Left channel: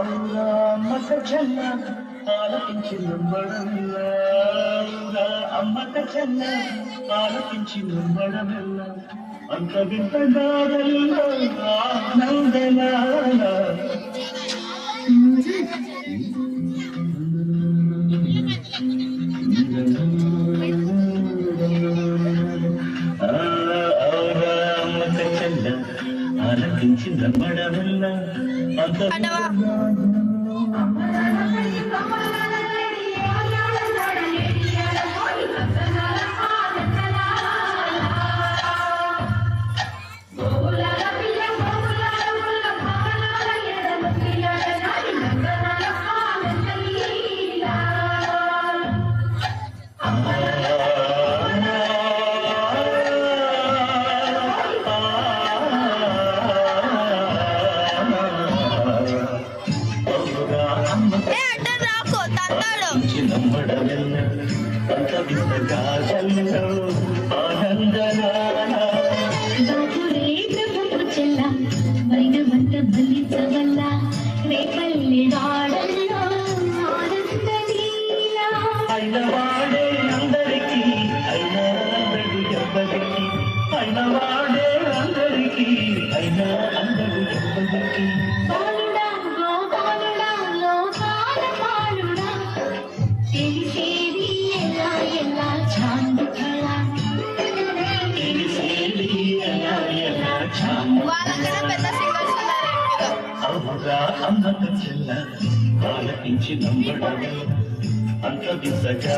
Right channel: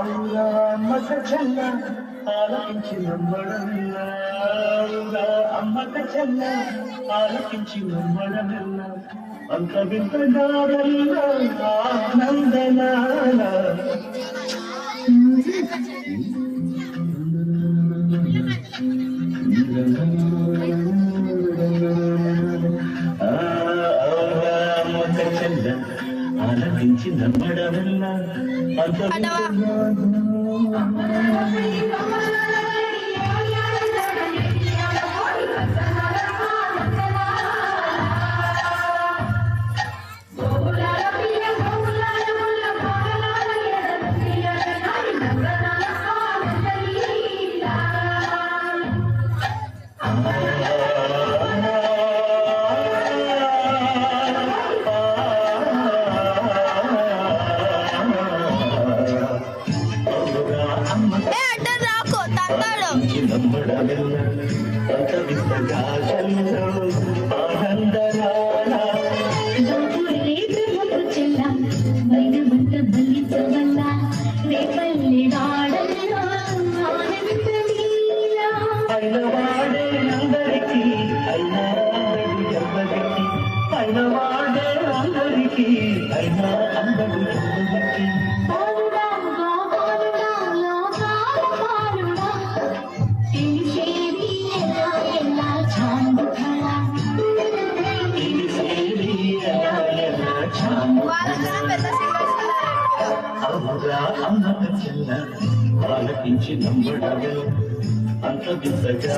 అమ్మక చెల్ల ఆలకించి నమ్మడల్ల అమ్మక చెల్ల ఆలకించి నమ్మడల్ల అంత వింతగారల్ల ఆనందనాల ఆలకించి నమ్మడల్ల అంత ఆలకించి నమ్మడమే అంత వింతగా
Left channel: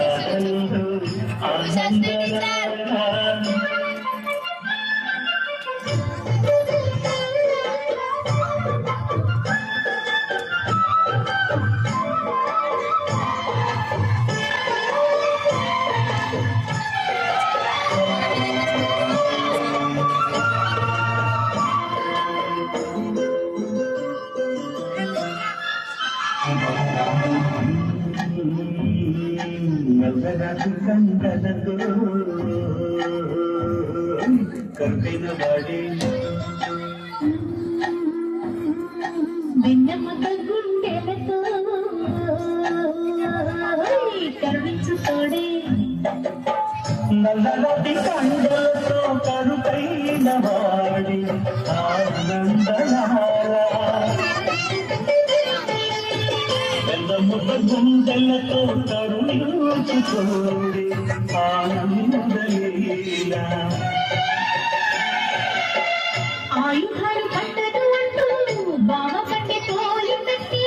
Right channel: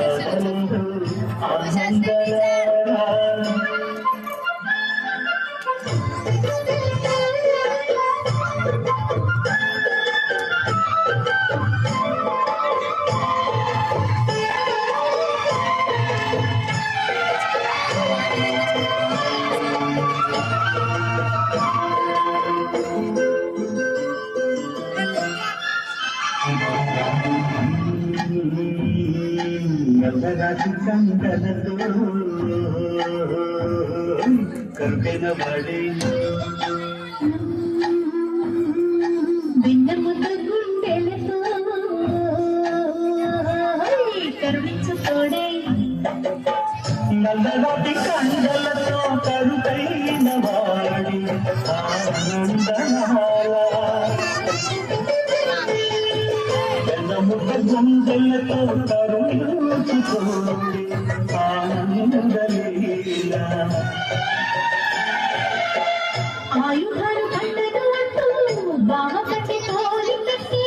కంగనతో కల్పెన వాడే వెన్నెముక గుండెలతో కరుణించుకోడే నల్లటి కండలతో కరుకైన వాడి వెన్నెముక గుండెలతో కరుణించుకోడే ఆయుధాలు పట్టదు అంటూ బామ పట్టి తోలి పెట్టి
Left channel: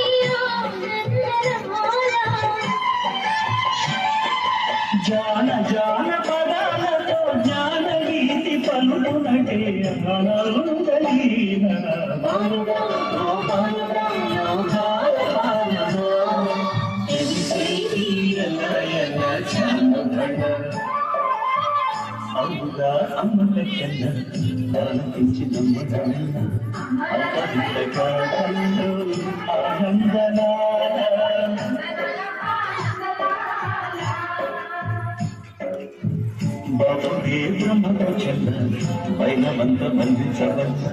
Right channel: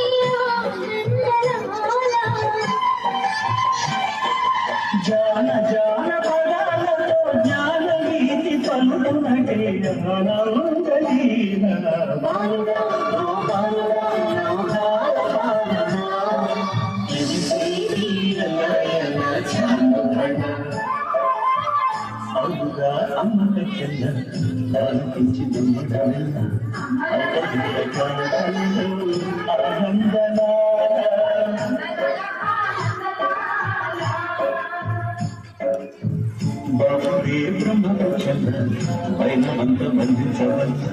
జాన జాన పదాలతో జ్ఞాన గీతి పలునటే అమ్మక చెల్ల ఆలకించి నమ్మడమే అంత వింతగా బాబే బ్రహ్మకు చెల్ల పైన మంత బంధించవల్ల